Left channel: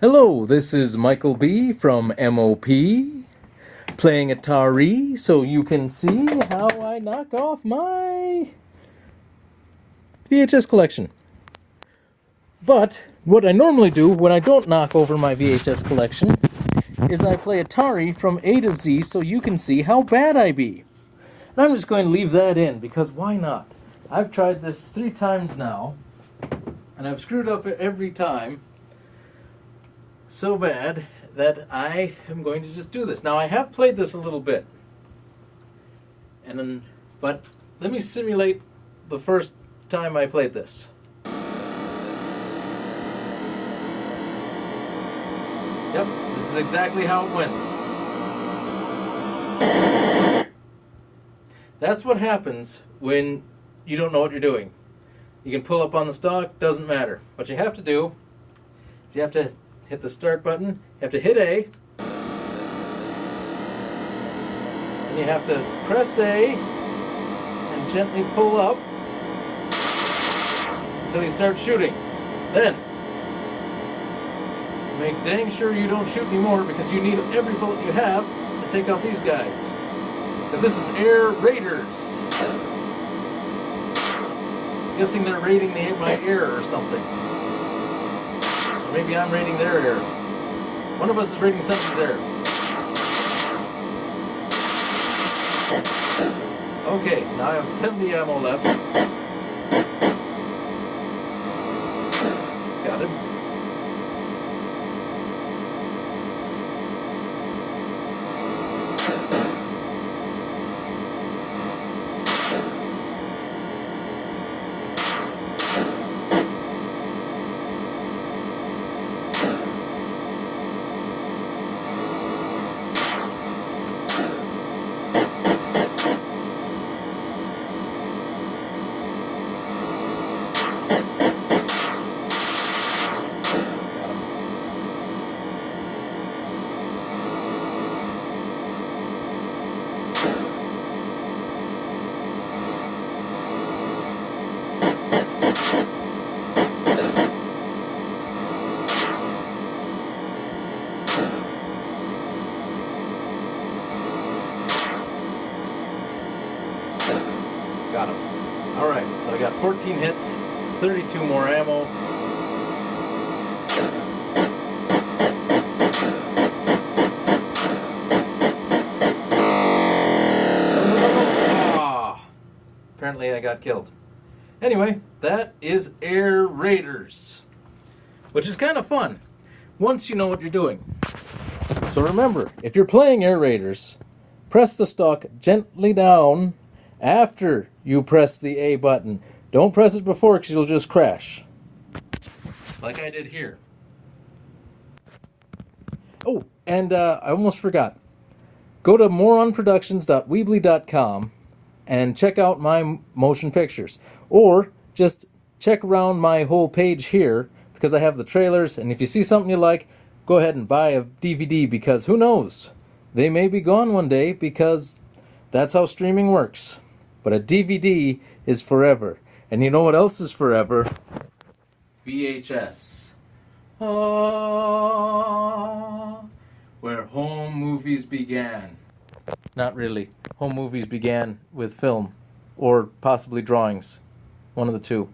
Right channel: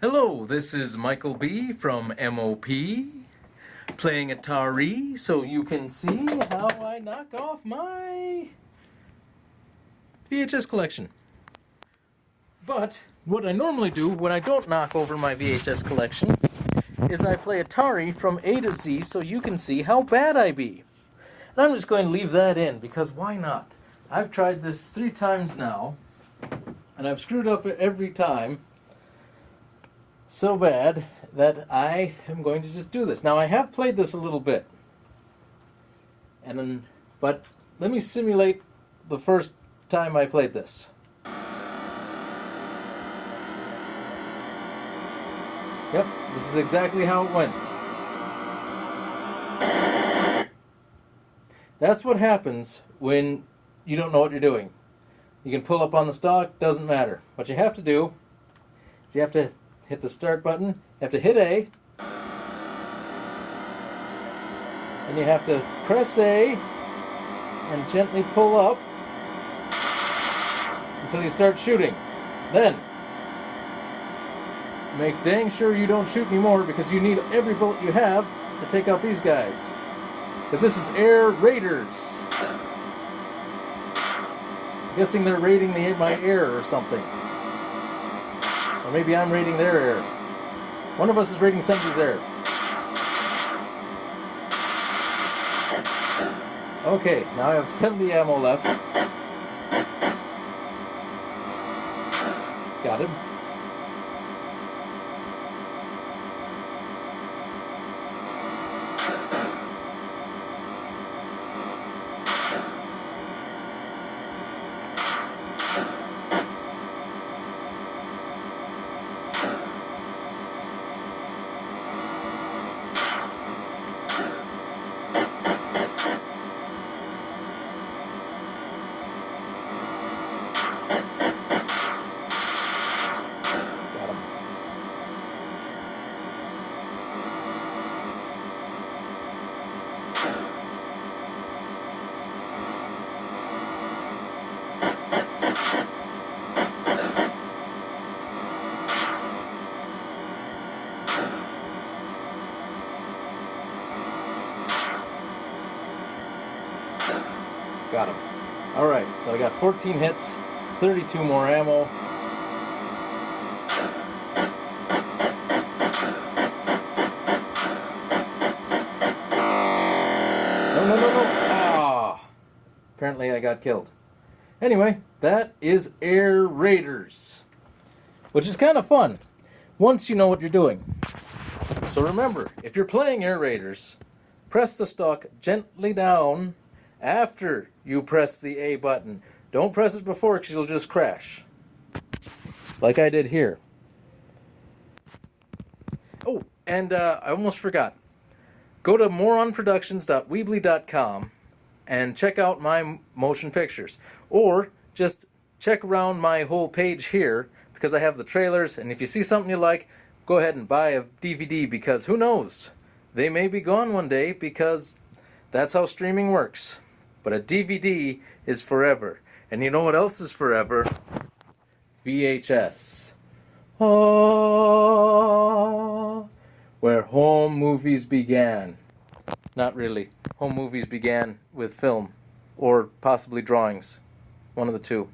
Hello, this is Michael B. from MOP, playing Atari so you can see how I knock off my VHS collection. But what I normally do when I don't knock over my VHS collection is I play Atari from A to Z so you can see how bad I be. And I'm just going to leave that in because why not? I've tried this 3 times now and I've screwed up every time so bad that I am going to just do this. Now I have played this a little bit, but let me simulate the first time I played this. Yep, this is exactly how it went. That's what happens when you don't know what you're doing. You can pull up on the stock, doesn't matter. What you have to do is you have to hit the start button, you have to hit A, and you have to press A and gently pull up until you start shooting. Then, make dang sure you don't shoot anymore because you need every bullet you have to take out these guys. Because this is Air Raiders. I'm guessing they're raiding my air or something. Or maybe I'm raiding their air. One of us is raiding somebody's air. Okay, now I have 70 ammo left. Got him. Got him. Alright, so I got 14 hits, 32 more ammo. Ah, apparently I got killed. Anyway, that is Air Raiders, which is kind of fun once you know what you're doing. So remember, if you're playing Air Raiders, press the stock gently down after you press the A button. Don't press it before because you'll just crash. Like I did here. Oh, and I almost forgot. Go to moronproductions.weebly.com and check out my motion pictures. Or just check around my whole page here because I have the trailers, and if you see something you like, go ahead and buy a DVD because who knows? They may be gone one day because that's how streaming works. But a DVD is forever. And you know what else is forever? VHS. Ah, where home movies began. Not really. Home movies began with film. Or possibly drawings. One of the two.